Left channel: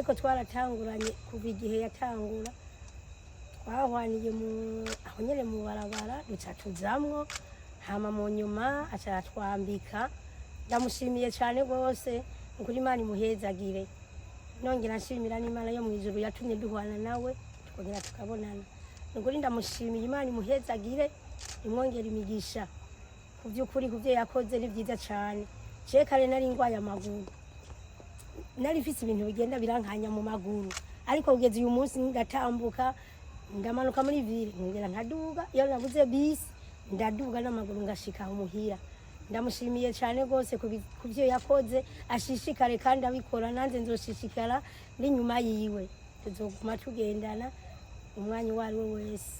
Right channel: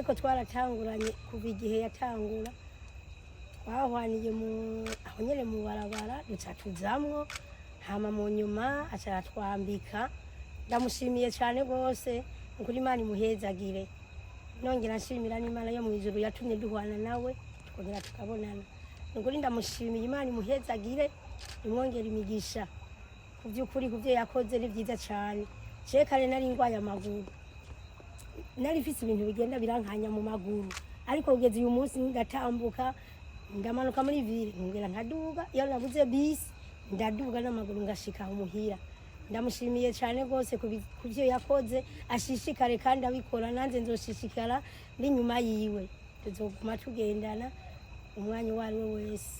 ariko twaratanguranye kuva igihe yatangura twahwaniye aho nyene mu barabara duca tuzamwo hama mu nyuma acaratwambika ndamushimiye cyane rwose ukuri Imana imuhezagire nongera nshimira n'Imana yo mu ijuru yatumye duhwana nawe tukongera tukabonana ukuri ndamushimiye Imana imuhezagire imwongera imigisha kuvyukuri kuvyo yakoze ni byiza cyane cekare nari ngwaye amaguru nari mfise ibintu bigenda birankanya mu maguru ariko kugeza uyu munsi ndatambuka ndamanuka muri ville ngera nkaduga iyo nabuze bisi ndaduga n'amaguru ngashika umuhira ndamushimiye cyane rwose kuvyo yakoze ashishikare kandi abikora nanze nzoshishikara n'inyuma yiwe tuzoguma tugendana umwanya wari we wese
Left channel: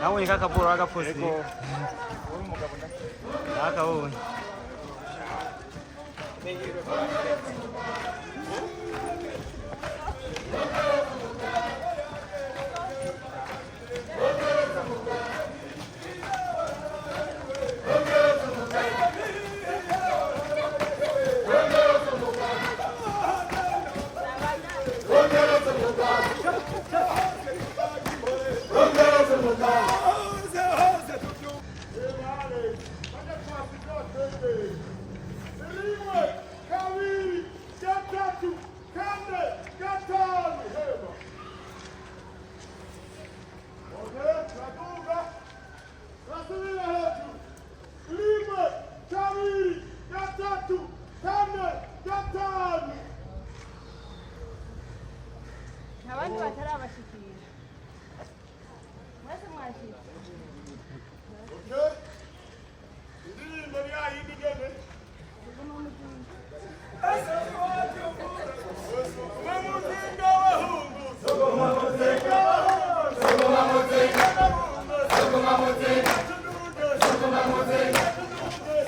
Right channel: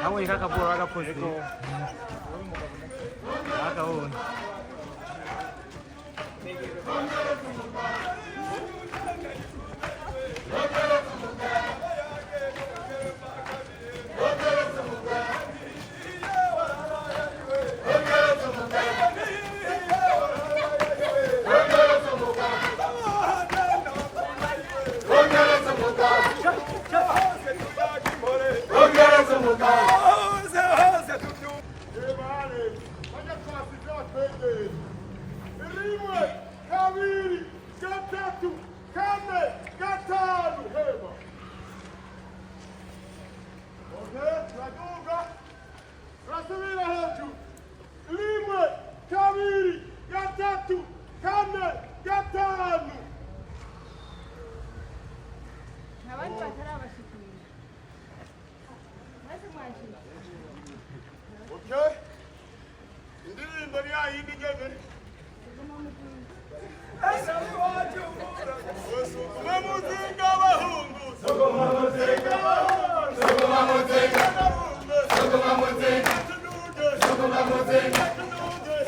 Nawe kakaburo agapozi akabonye Rimwe, kabiri, gatatu, kane, gatanu, hema. Okay, turaduga, turasubira hejuru. Rimwe, kabiri, gatatu, kane, gatanu. abandi batarabashikira mwese mwashira Okay, indirimbo ni yayindi nyene. Sogoma muzinga abahungu, sogoma muzinga abahungu, sogoma muzinga abahungu, sogoma muzinga, sogoma muzinga,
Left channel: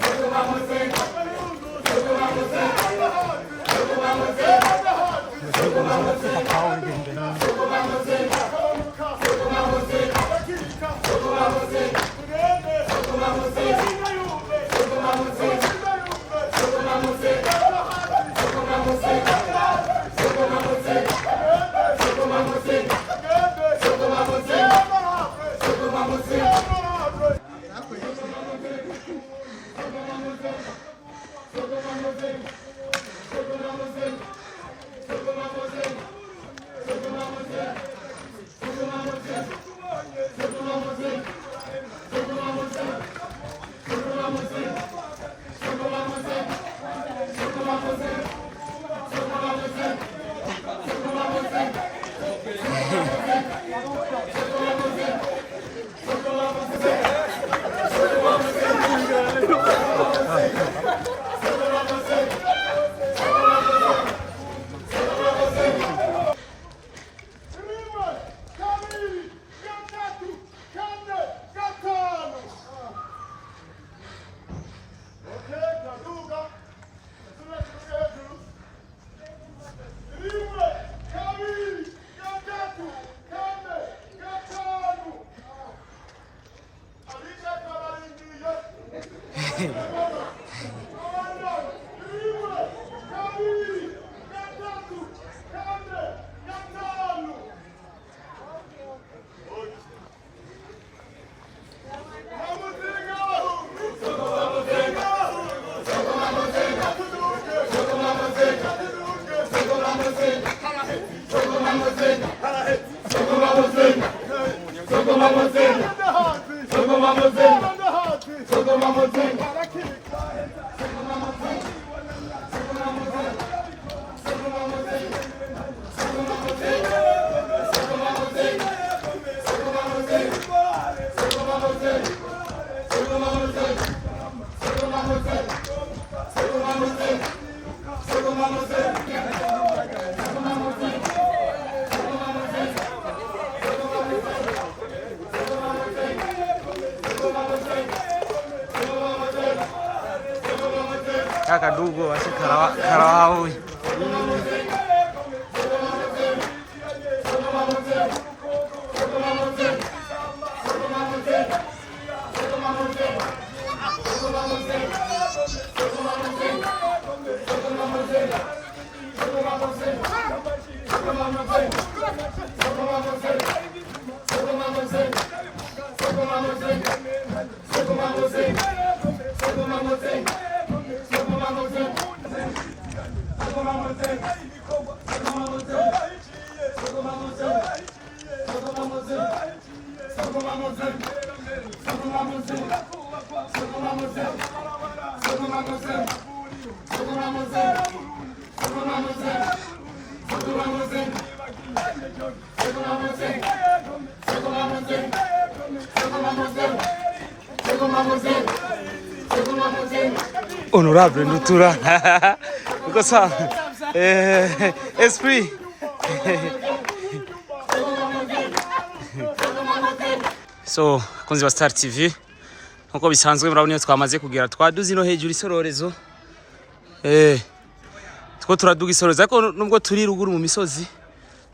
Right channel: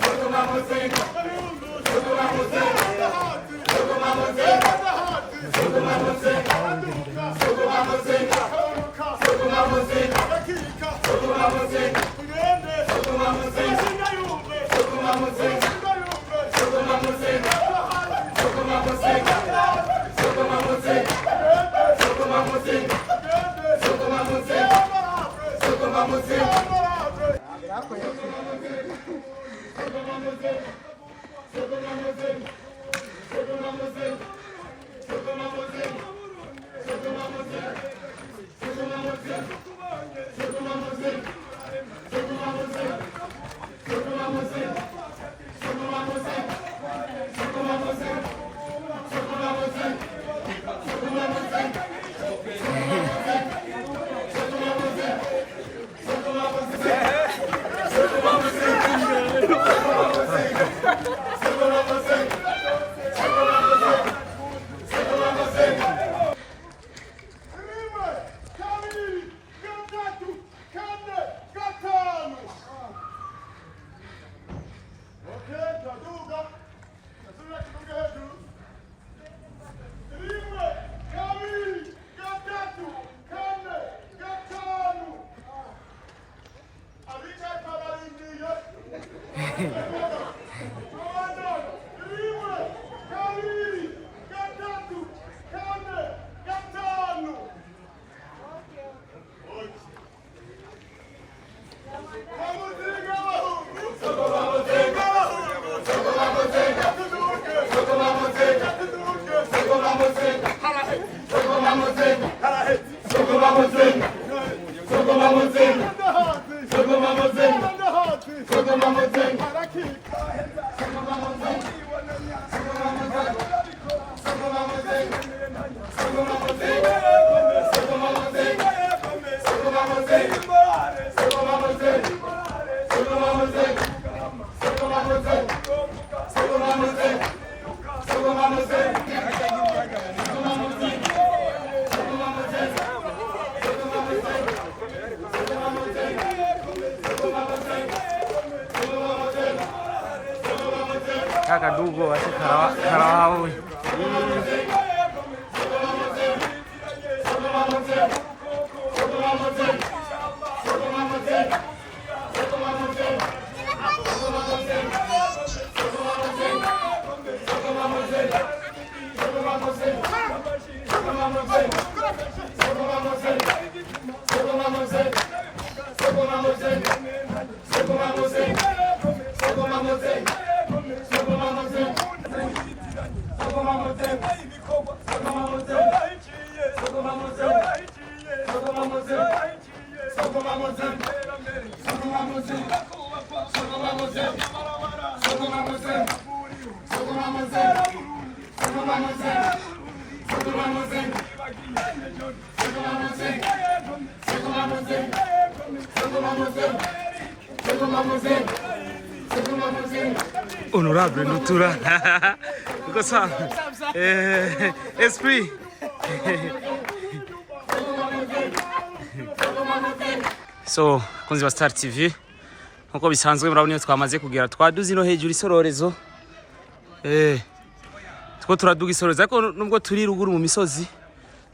sogoma muzinga abahungu, sogoma muzinga abahungu, sogoma muzinga abahungu, sogoma muzinga abanduka, sogoma muzinga abanduka, sogoma muzinga bakika, sogoma muzinga tugende, sogoma muzinga yumve, sogoma muzinga yumve, sogoma muzinga sogoma muzinga, sogoma muzinga, sogoma muzinga, sogoma muzinga, sogoma muzinga, sogoma muzinga, sogoma muzinga, Kaka dugo washe karawa. Honorable Nutura. Because esprit. So, kunzi wa Star TV. Nkuko bisanzwe murabona twamaze kugera twaduze ino hejuru isororezo. Two turaduga isororezo ariko nubwo turi ruguru mu misozi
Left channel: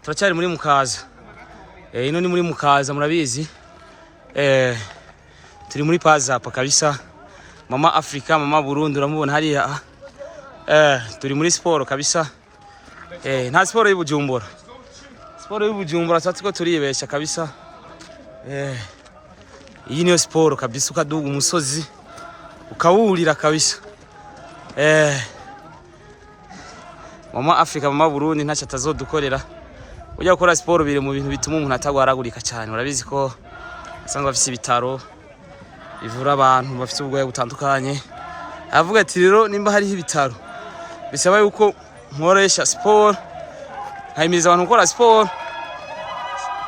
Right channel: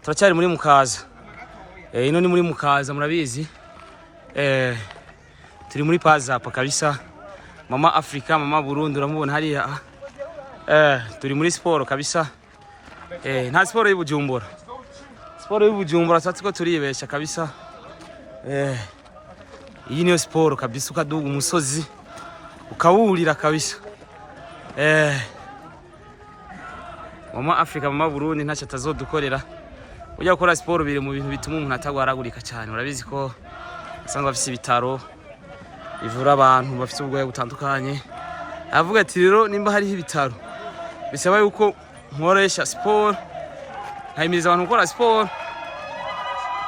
turacyari muri Mukaza. Ino ni muri Mukaza murabizi. Turi muri Pazapa kabisa. Mama Africa, Mama Burundi uramubona hariya. Turi muri sport kabisa. Nta sport y'Ubujumbura. Sport y'Ubujumbura satiko turibesha kabisa. Iyi niyo sport kabisa ukaduga umusozi ukawurira kabisa. Mama Africa, Mama Burundi ntacyo atazodukorera. Ujya gukora sport biri mu bintu bituma umuntu atagwaragurika cyane. Urabizi ko asanga bafite ibitaro ivura abantu bafite ubugwayi butandukanye. Avuga ati rero nimba hari ibitaro bisaba yuko nkoresha sport, nkayimiriza abantu gukora sport.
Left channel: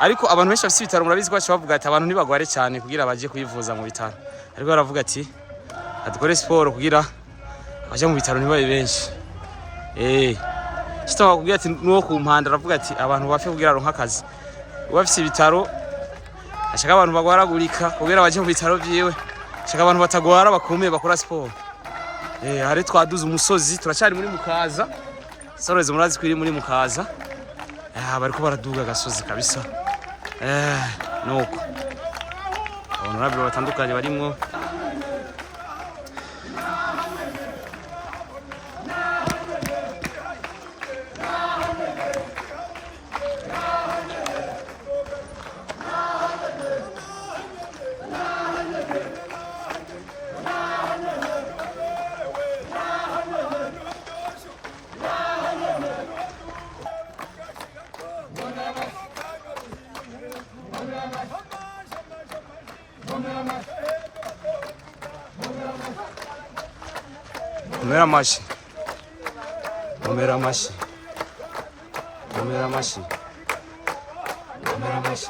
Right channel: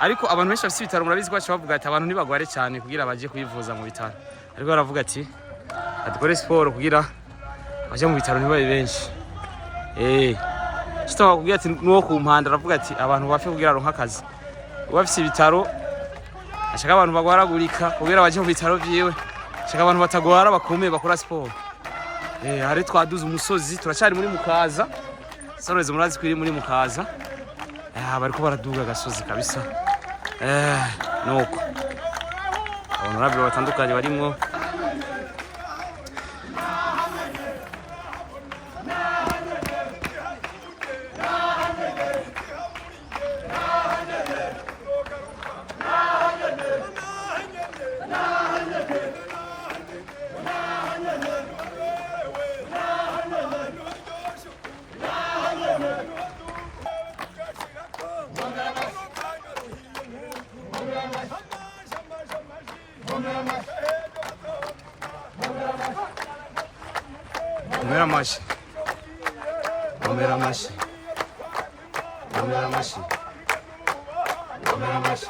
Ariko abantu benshi bafite ibitaro murabizi ko bavuga ati abantu ntibagware cyane kugira baje kwivuza mu bitaro. Ariko baravuga ati adukore sport kugira abaje mu bitaro ntibabe benshi. Kitwa kugira ati nuwo ku mpanda aravuga ati abantu bafe kugira ronka akazi. Bafite ibitaro ashaka abantu bagwaragurika kugira baje mu bitaro byiwe. Ashaka abantu batagwara bakomeye bakora sport. Hari twaduze umusozi turacyari muri Mukaza. Sororezo murazi kwiri muri Mukaza. Bariko baraduga gasozi kabisa. Nuko honorable batandukanye barimwo. Omera mashi. Omera mashi. Omera mashi. Omera mashi.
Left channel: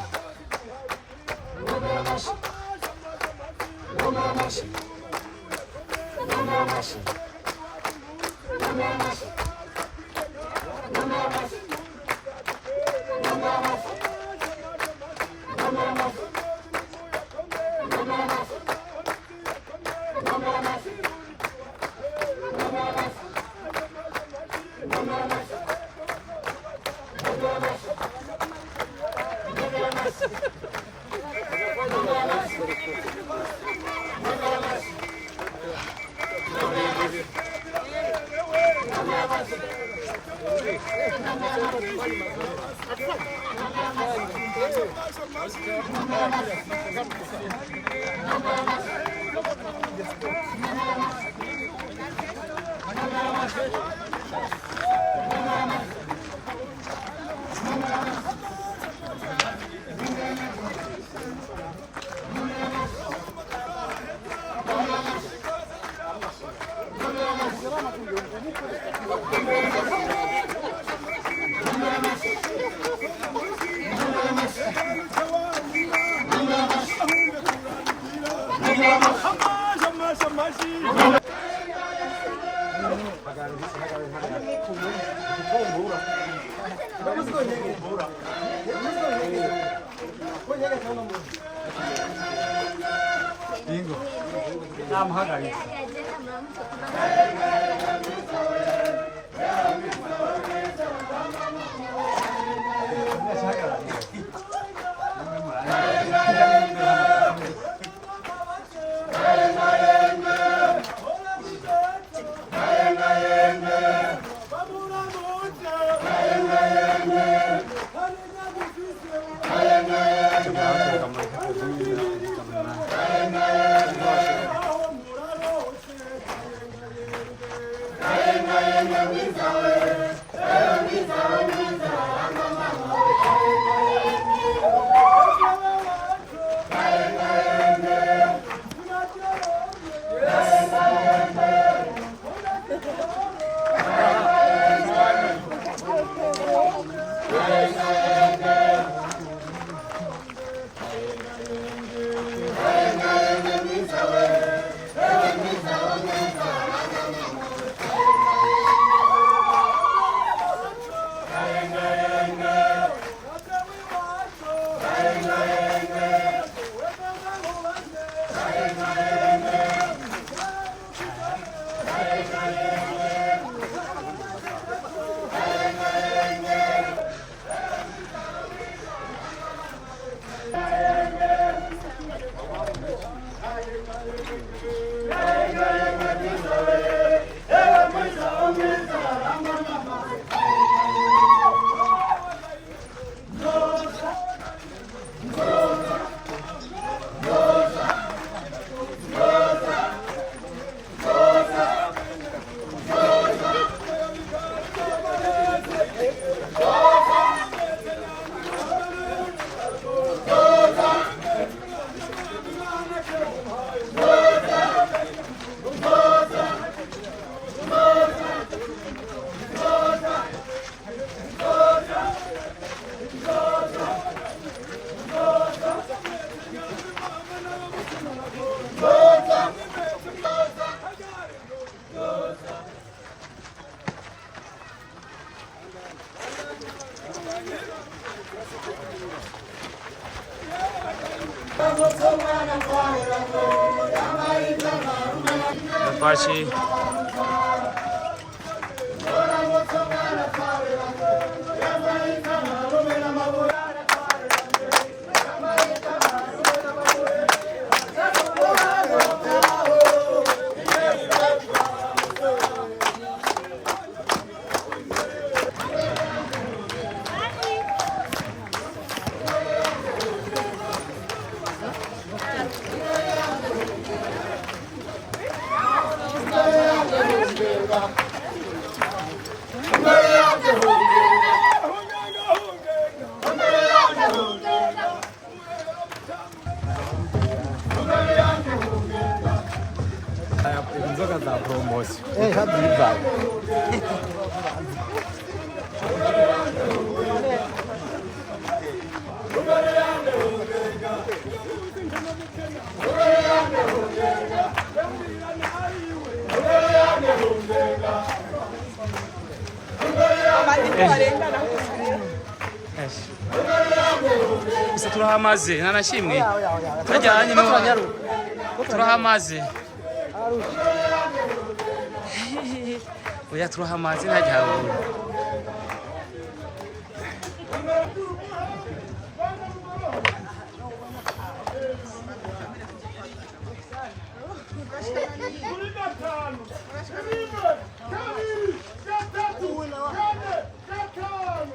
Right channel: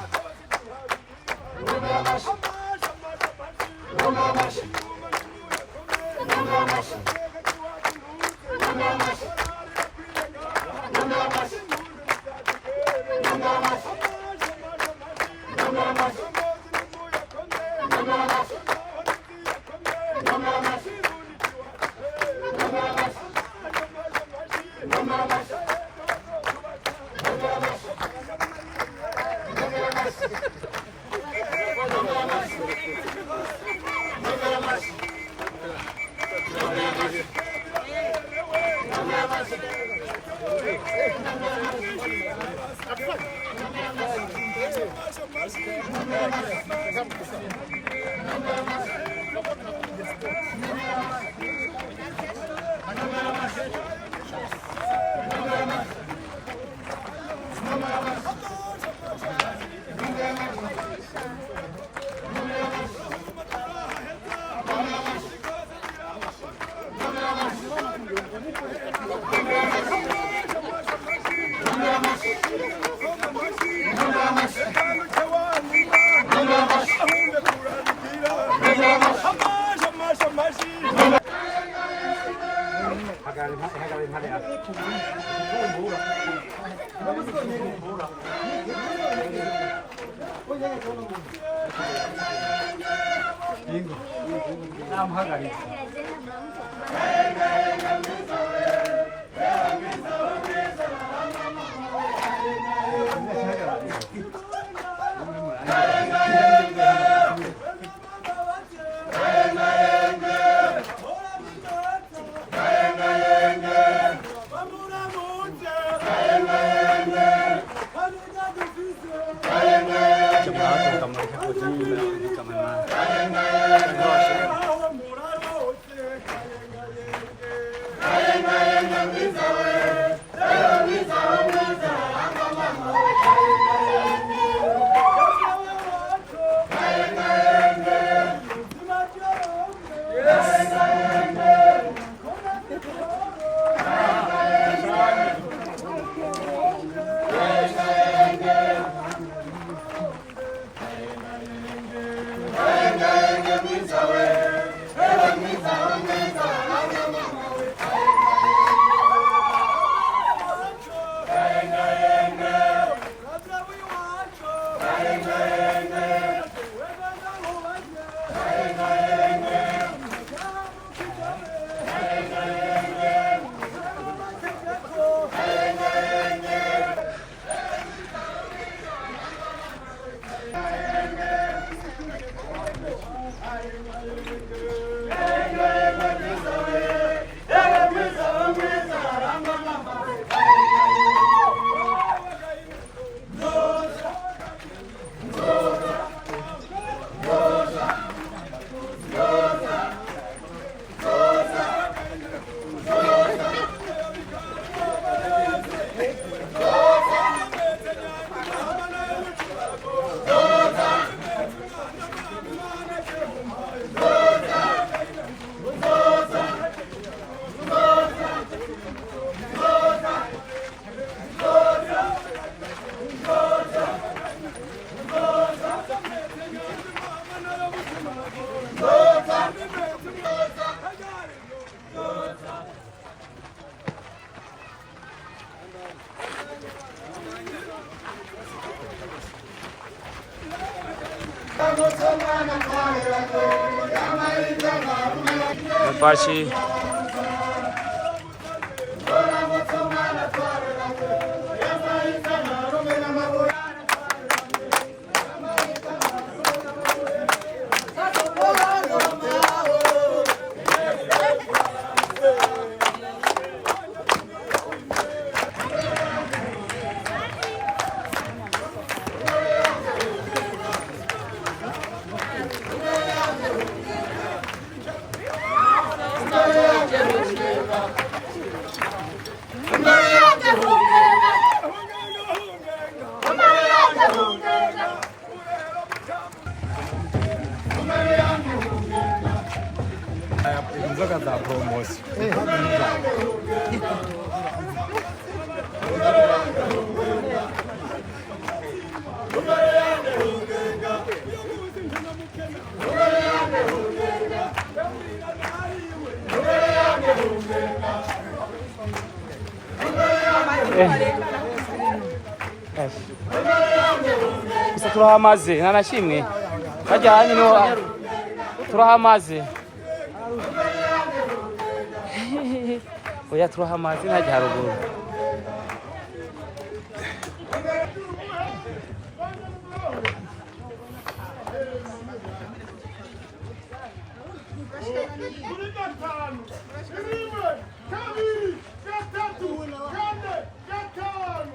Omera mashi. Omera mashi. Omera mashi. Omera mashi. Omera mashi. Bingo. Namuhagaritse. Pachi. Inzoga za promotion. Gusa turahamaze ntanashimwe bajyanye no turahamaze oya turahamaze ntajya haruguru Kuri gatanu, rimwe, kabiri, gatatu, kane, gatanu.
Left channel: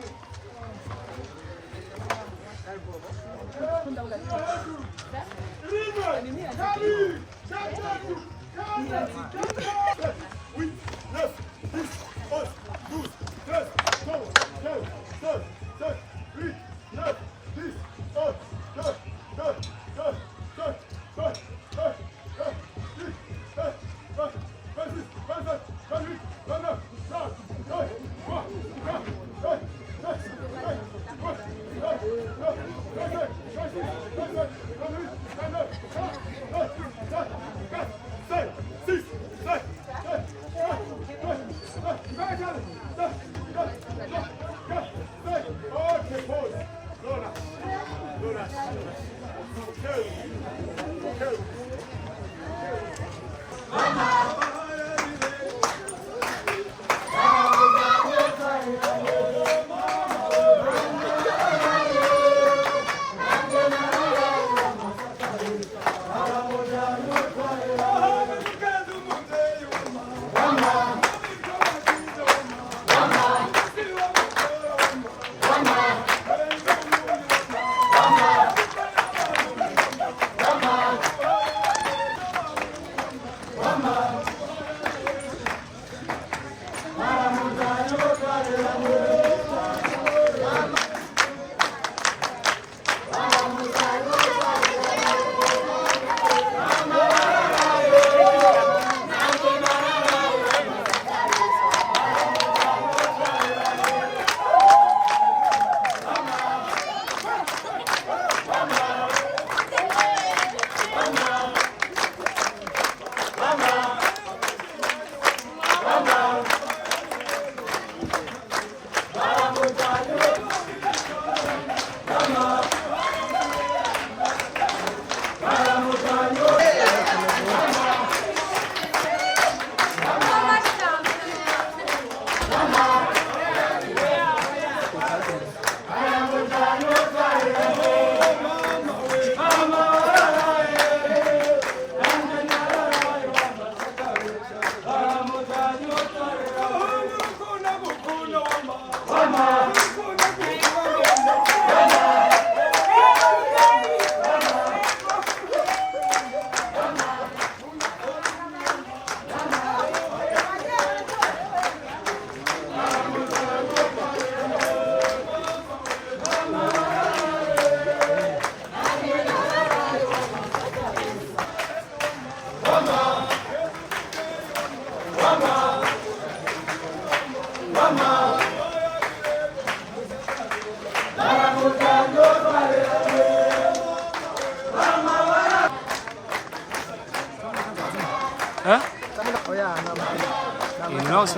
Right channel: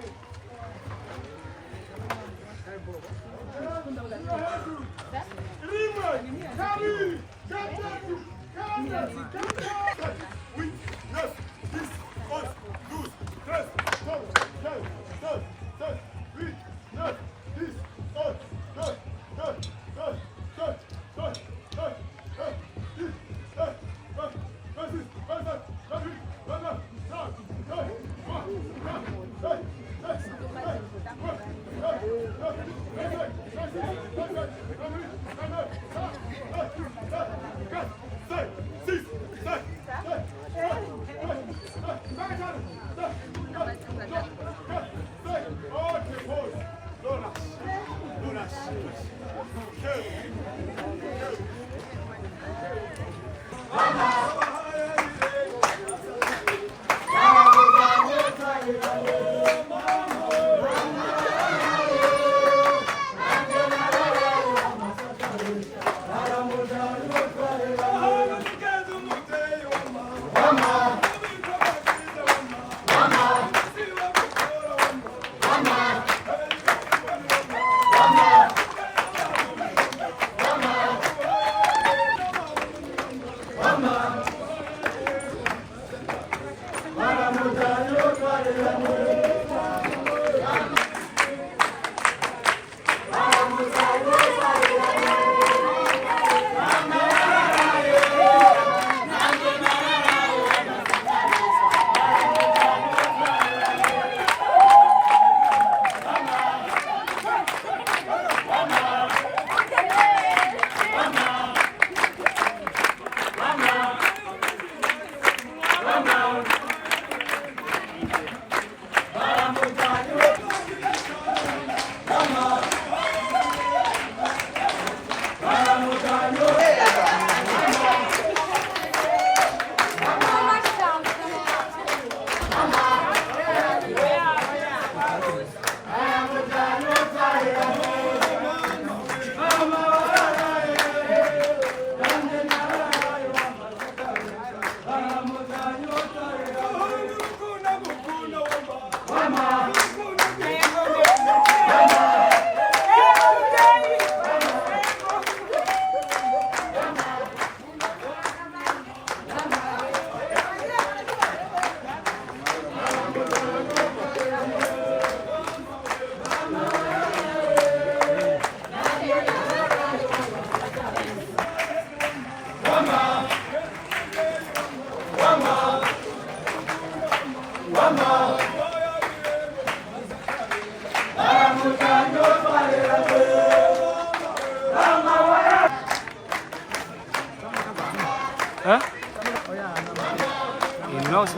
Hã? E não se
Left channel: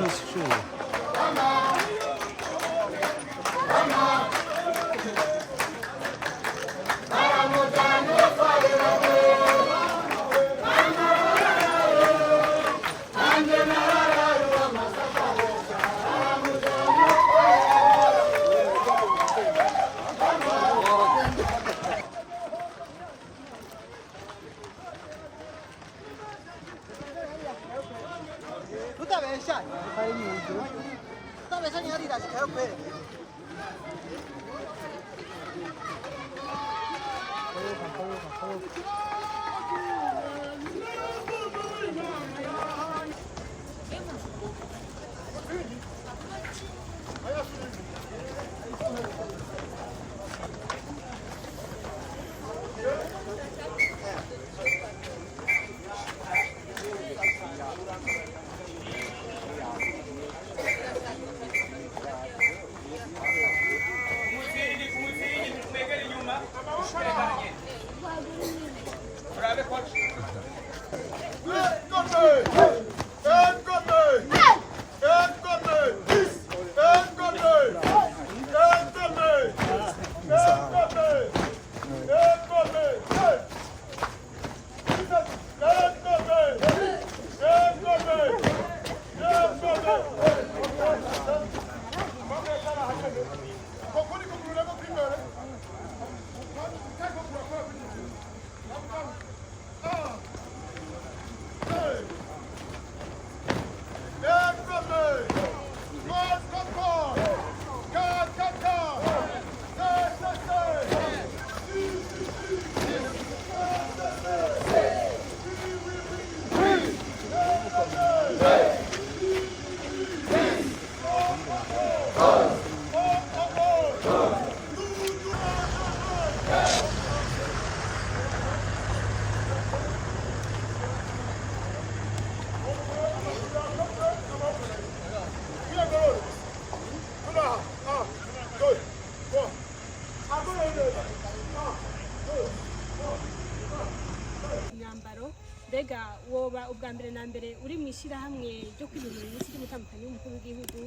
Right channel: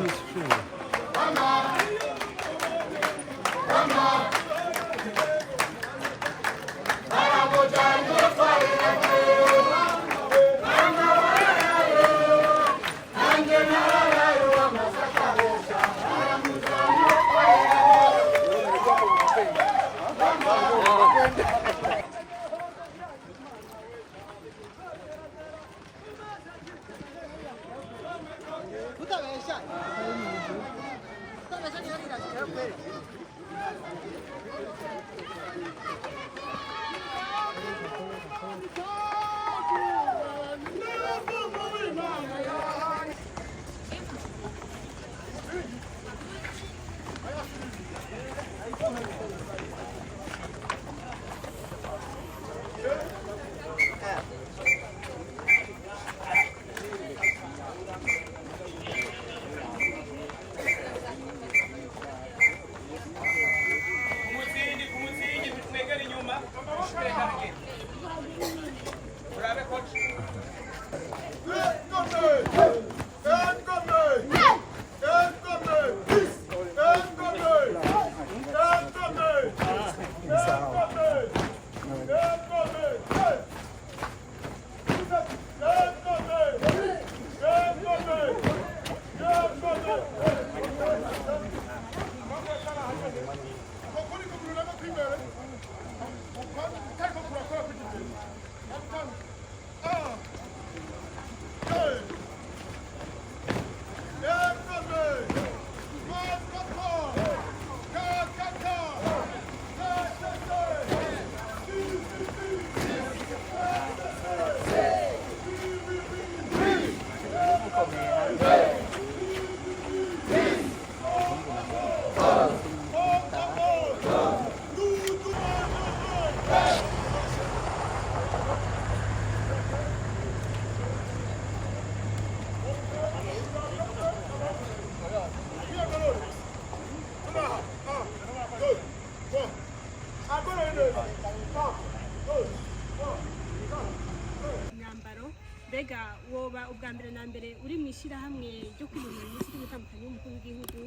mbega woba ubwa mbere na mbere uri mu ishyirahamwe ryo kwiyumvira iminsi y'umutandukanye w'umukuru w'igihugu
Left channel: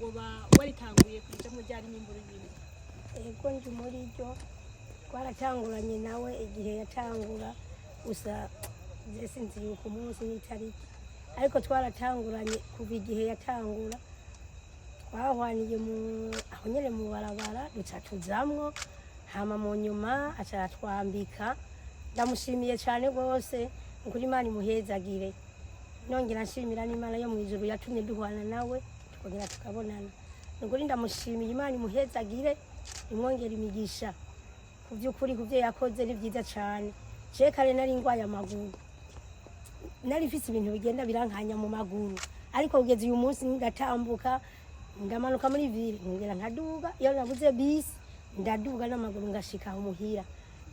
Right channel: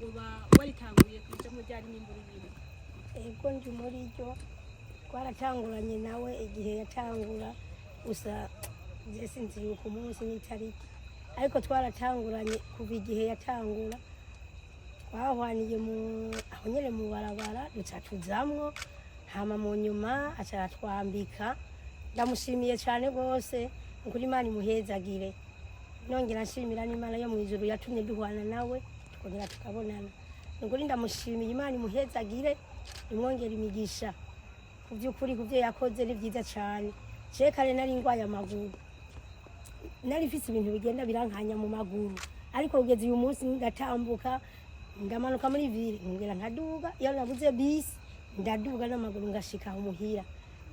woba waritanguye kujamo ryari n'imboro y'ibintu ego ndi muri ryo twaratanguranye nawe igihe yatangura gusa je sinzi yuko umunsi n'itariki ariko twaratanguranye kuva igihe yatangura twahwaniye aho nyene mu barabara duca tujamwo hama mu nyuma aca aratwambika ndamushimiye cyane rwose ukuri Imana imuhezagire nongera nshimira n'Imana yo mu ijuru yatumye duhwana nawe tukongera tukabonana nukuri ndamushimiye Imana imuhezagire imwongera imigisha ku by'ukuri ku byo yakoze ni byiza cyane je kare nari ngwaye amaguru nari mfise ibintu bigenda birankanya mu maguru ariko kugeza uyu munsi ndatambuka ndamanuka muri ville ngera nkaduga iyo nabuze bisi ndaduga n'amaguru ngashika aho muhira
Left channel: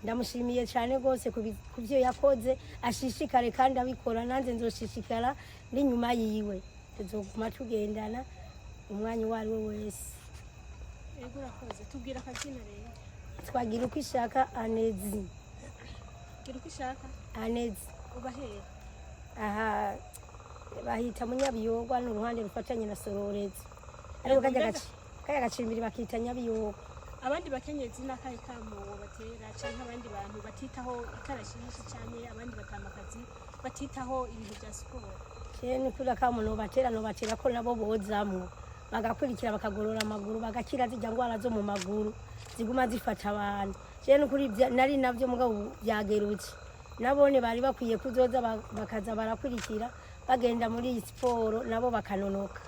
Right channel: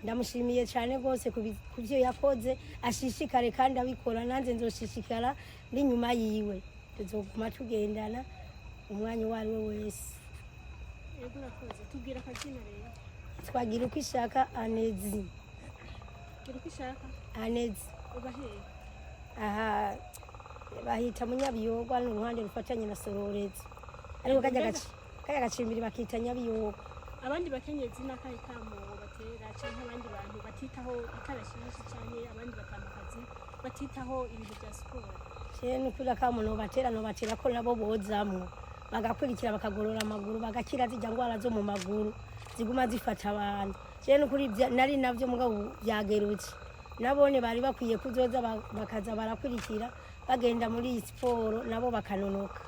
ndamushimiye cyane rwose ku byo yakoze ashishikare kandi abikora nanze nzoshishikara ndi nyuma yiwe tuzoguma tugendana umwanya wari we wese Ego urakoze tubwira akazina rero twagira uko ishaka Anezi gira uko ushaka Anezi uba hehe aha bahita Munyabiyogwa n'uruhande rufatanye na Sororezi ariko kajya gacimbiri bakita Nyabiyogwa abandi bakenyezi n'akahe kamo batera canke abandi bantu batitaho ikarashishi canke abandi batamakazi batitaho ibintu bya siporo cyane kuri kamo no batera ko nabo bozamwo bagakurikira bakagorora amaguru bagakira zijya ngwara zo mu maguru ziguma zifata abantu cyane kuri nari navyo mugabo byagerutse nabone bari bakwiye kuzoza bakaza barakurikira bagenda muri siporo nabo bakanonoka.